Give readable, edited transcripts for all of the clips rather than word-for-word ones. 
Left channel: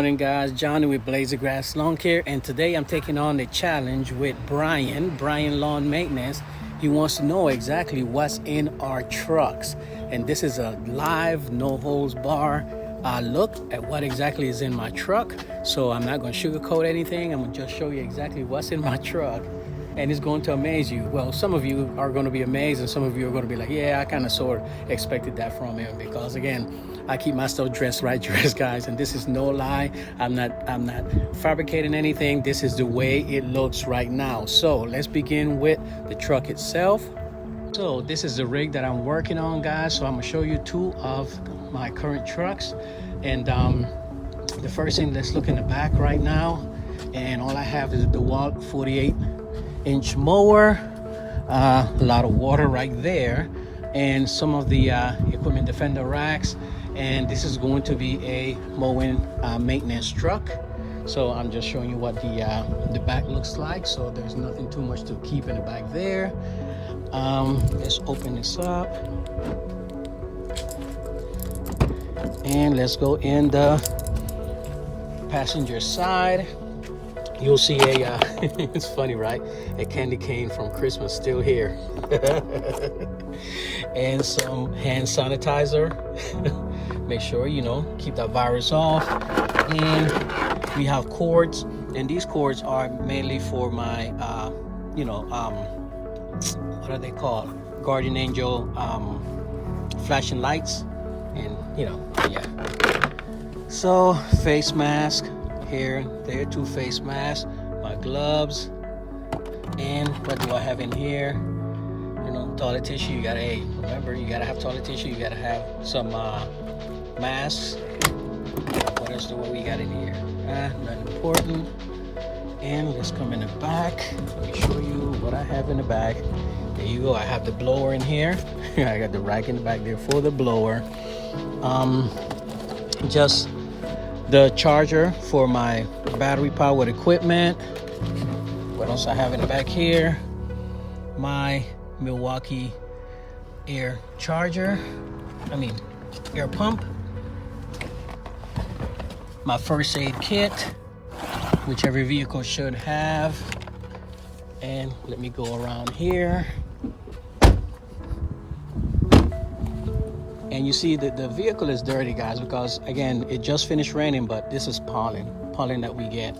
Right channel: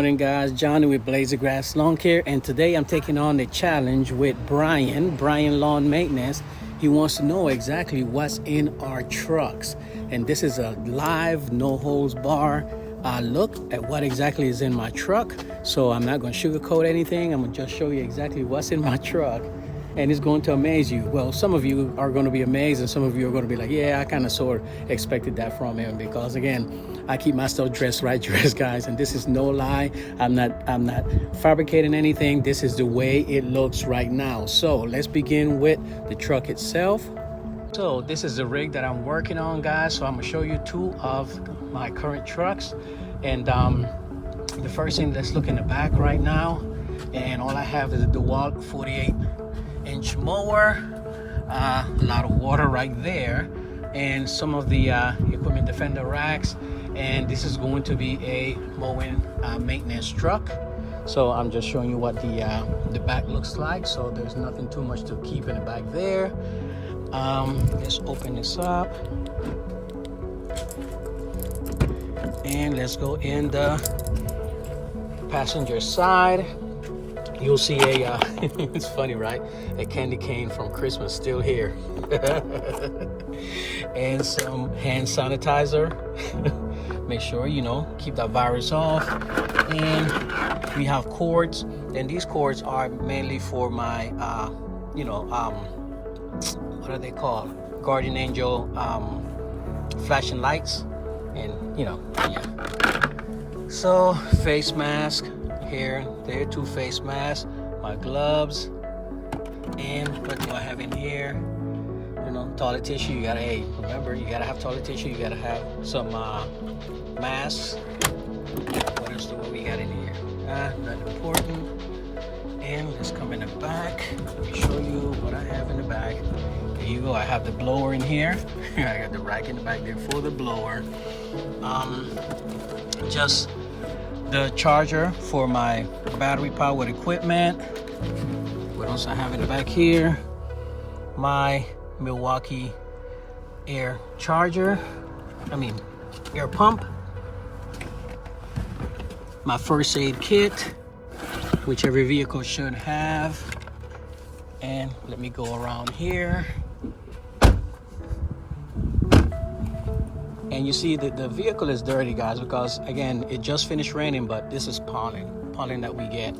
morning, guys. Johnny with Blazer Grass Lawn Care, and today I'm taking on the challenge with Brian Lawn Maintenance. He wants to know exactly what's in our trucks, and this is a live, no holds bar look at what exactly is in my truck. So I'm not going to sugarcoat anything. I'm going to just show you exactly what's in my truck, and it's going to amaze you. Well, some of you are going to be amazed, and some of you are going to be like, yeah, I kind of sort of expected that from him, because again, I keep myself dressed, guys, and this is no lie. I'm not fabricating anything. This is the way it looks right now. So let's begin with the truck itself. So this is the rig that I'm working on, guys. So I'm gonna show you two of my current trucks, and the first thing, let's look in the back right now, and all I have is a DeWalt 48-inch mower, a lot of water right there, and some of the equipment defender racks. And this is going to be a mowing maintenance truck. So I'm just showing you what the back looks like. So there's nothing too much to keep in the back there. Let's open this up, and let's go in the passenger side. You'll see a it's funny, right? A candy cane from Christmas still here. And some hand sanitizer. Make sure, keep that virus off. And we have cords, and these cords are mainly for my what are they called, Guardian Angel flashing lights. And yeah, so face mask here, there, two face masks, my gloves, and what do I have in here? Toilet tissue. You gotta, remember, you gotta have toilet tissue. You gotta have some masks. What else do we got in here? Nothing important. And let's come in the back. Let me show you what I have in the back. There you go. I have the blower in here. I got the rack in the back there for the blower. Just the charger for my battery powered equipment. What else I have in the back here? My Milwaukee air pump, my first aid kit, which every vehicle should have. And let me go around here, and you see that the vehicle is dirty, guys, because again, it just finished raining, but this is pollen that we get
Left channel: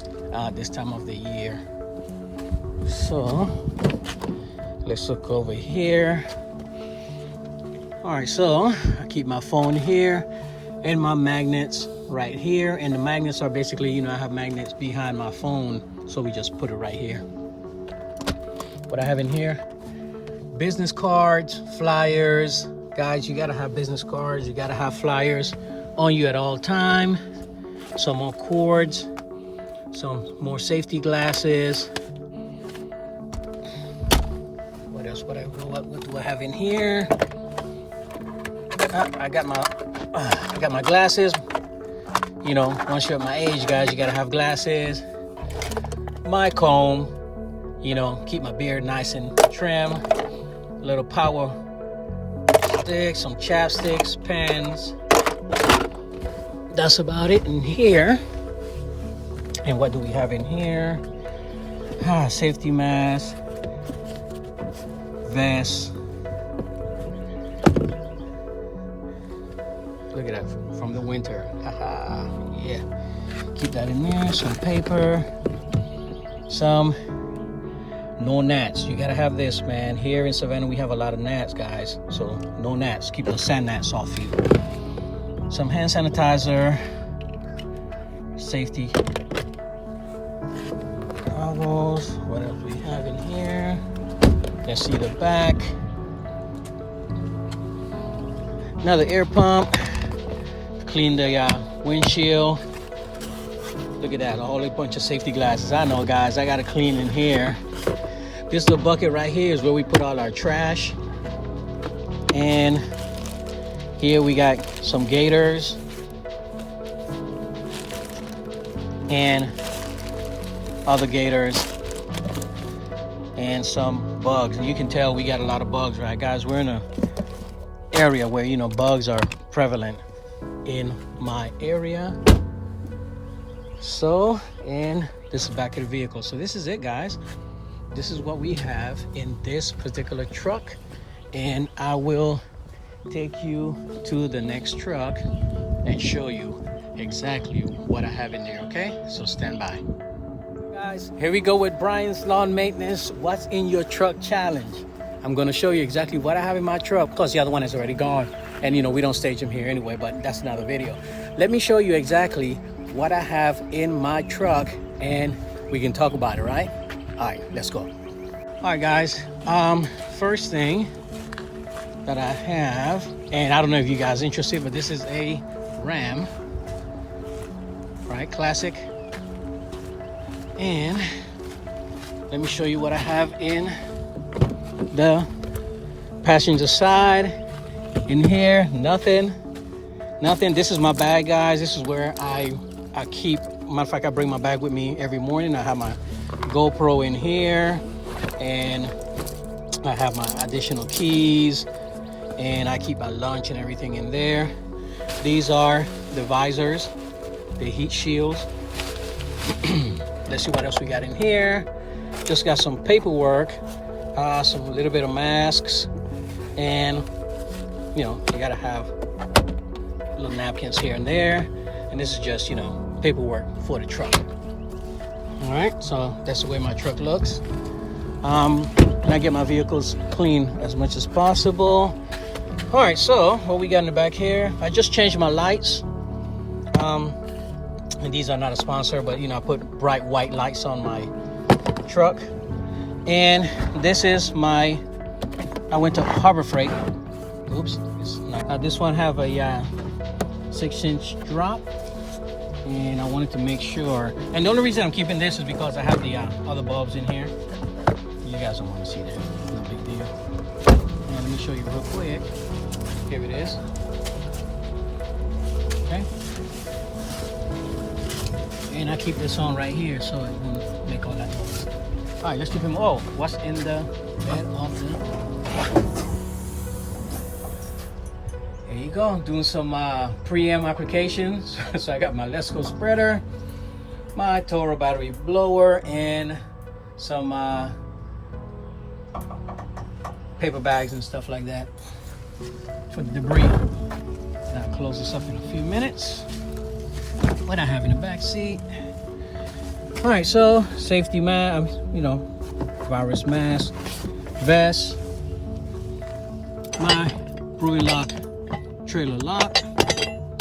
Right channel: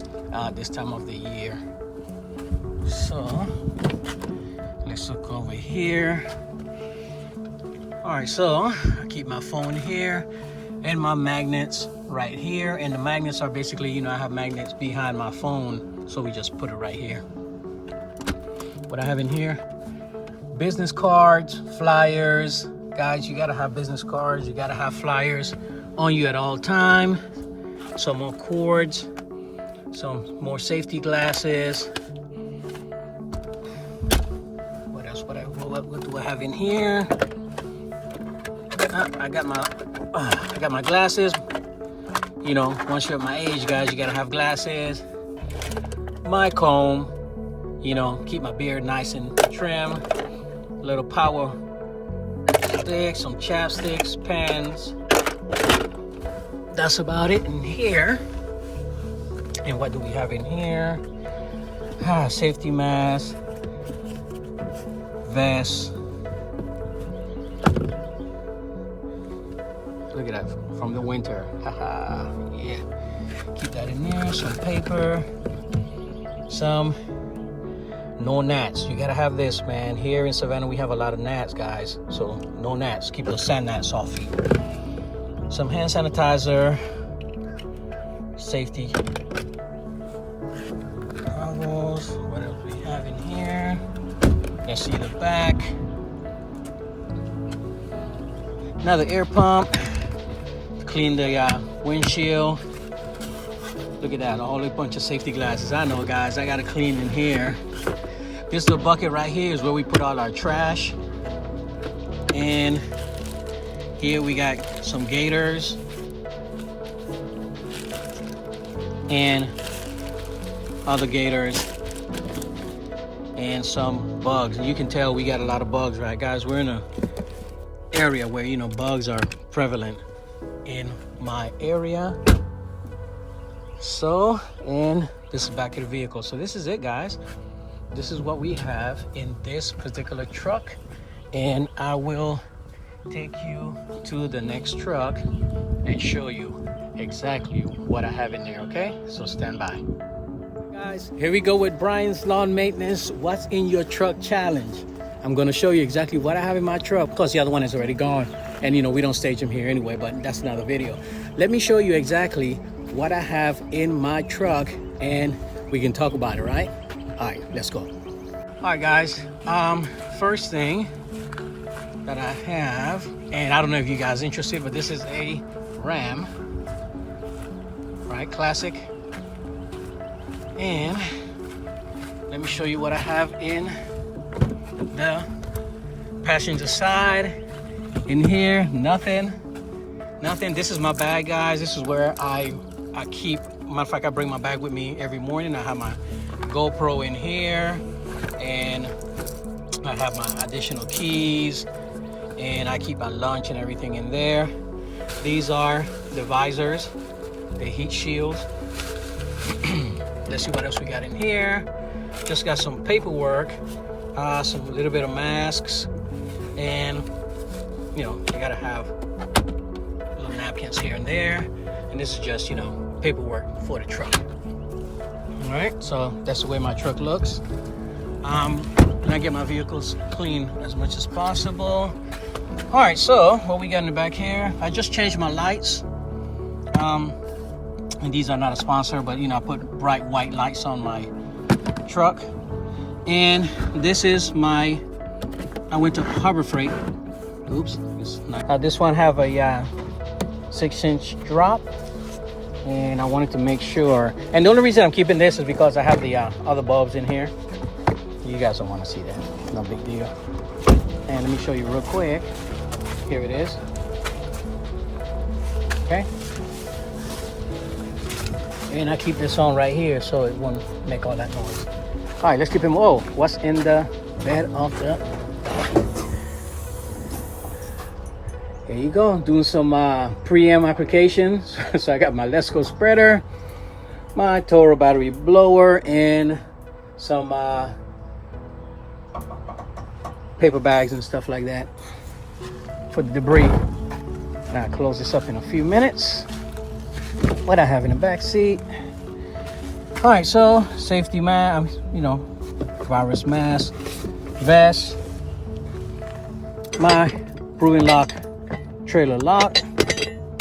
this time of the year. So let's look over here. All right, so I keep my phone here and my magnets right here. And the magnets are basically, I have magnets behind my phone, so we just put it right here. What I have in here, business cards, flyers. Guys, you gotta have business cards, you gotta have flyers on you at all time. Some more cords, some more safety glasses. What else? What do I have in here? I got my glasses. Once you're at my age, guys, you gotta have glasses. My comb, keep my beard nice and trim. A little power stick, some chapsticks, pens. That's about it in here. And what do we have in here? Safety mask, vest. Look at that, from the winter. Yeah. Keep that in there. Some paper. Some no gnats. You gotta have this, man. Here in Savannah, we have a lot of gnats, guys. So no gnats. Keep those sand gnats off you. Some hand sanitizer. Safety goggles. What else we have in here? Let's see the back. Another air pump. Clean the windshield. Look at that, a whole bunch of safety glasses. I know, guys, I gotta clean in here. This little bucket right here is where we put all our trash. And here we got some gators and other gators and some bugs. And you can tell we got a lot of bugs, right, guys? We're in a area where bugs are prevalent in my area. So, and this is back of the vehicle. So this is it, guys. This is what we have in this particular truck, and I will take you to the next truck and show you exactly what I have in there. Okay, so stand by, guys. Here we go with Brian's Lawn Maintenance What's in Your Truck challenge. I'm going to show you exactly what I have in my truck. Of course, the other one is already gone, and you know we don't stage them here anyway, but that's another video. Let me show you exactly what I have in my truck, and we can talk about it, right? All right, let's go. All right, guys. First thing that I have, and I don't know if you guys are interested, but this is a Ram, right? Classic. And let me show you what I have in the passenger side. In here, nothing. This is my bag, guys. This is where I keep, matter of fact, I bring my bag with me every morning. I have my GoPro in here, and I have my additional keys, and I keep my lunch and everything in there. These are the visors, the heat shields. Let's see what else we got in here. Just got some paperwork, some little bit of masks, and you know, you gotta have little napkins here and there. And this is just, you know, paperwork for the truck. All right, so that's the way my truck looks. And I get my vehicles clean as much as possible. All right, so what we got in the back here, I just changed my lights. And these are not a sponsor, but you know, I put bright white lights on my truck. And this is my, I went to Harbor Freight. Oops, it's not. This one have a 6-inch drop, and I wanted to make sure. And the only reason I'm keeping this is because I have the other bulbs in here. You guys don't want to see that, no big deal. And let me show you real quick. Here it is. Okay. And I keep this on right here so it won't make all that noise. All right, let's keep him. Whoa, what's in the bed of the? There you go. I'm doing some preamp applications. So I got my Lesco spreader, my Toro battery blower, and some paper bags and stuff like that for the debris. Now I'll close this up in a few minutes. What I have in the back seat. All right, so safety mask, you know, virus mask, vest, my Brewing Lock trailer lock.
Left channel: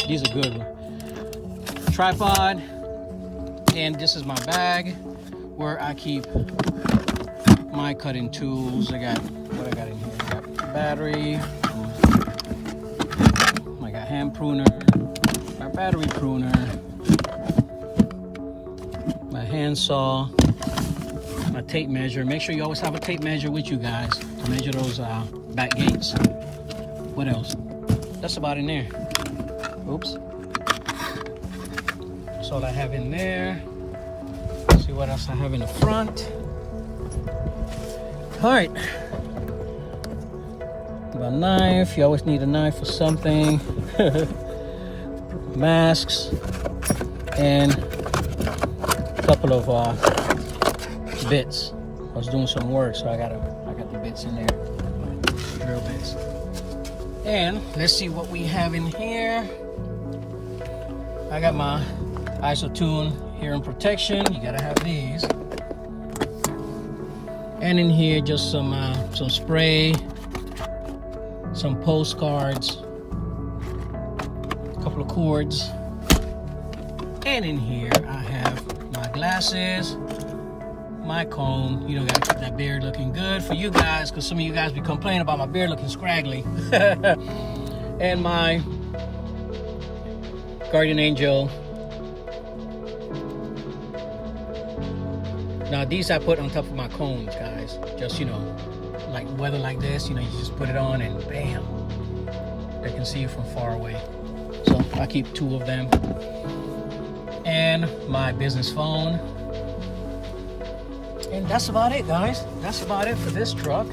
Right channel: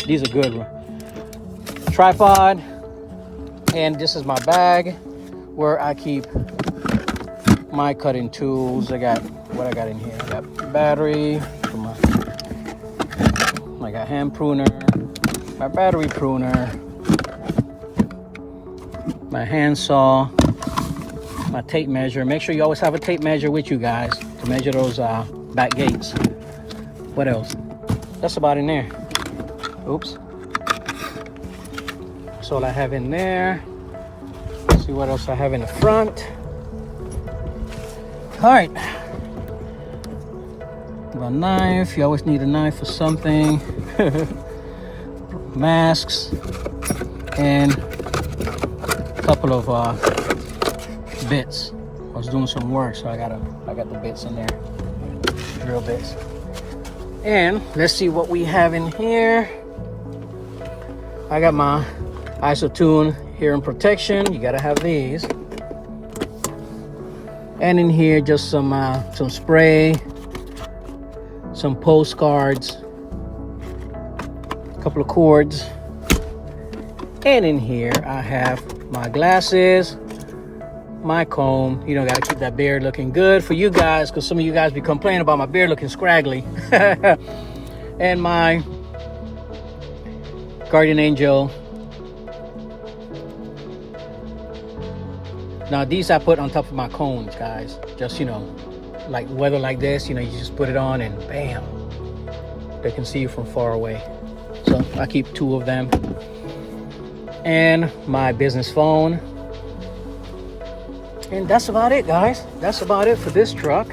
These are good ones. Tripod, and this is my bag where I keep my cutting tools. I got what I got in here. I got battery. I got hand pruner, my battery pruner, my handsaw, my tape measure. Make sure you always have a tape measure with you guys to measure those back gates. What else? That's about in there. Oops. That's all I have in there. Let's see what else I have in the front. All right. A knife. You always need a knife for something. Masks and a couple of bits. I was doing some work, so I got the bits in there, real bits. And let's see what we have in here. I got my IsoTune hearing protection. You gotta have these. And in here, just some spray, some postcards, a couple of cords. And in here, I have my glasses, my comb. You know, gotta keep that beard looking good for you guys, because some of you guys be complaining about my beard looking scraggly. And my Guardian Angel. Now these I put on top of my cones, guys. Just, you know, like weather like this, you know, you just put it on and bam, they can see you from far away. So I keep 2 of them. And my business phone. And that's about it, guys. That's about it for this truck.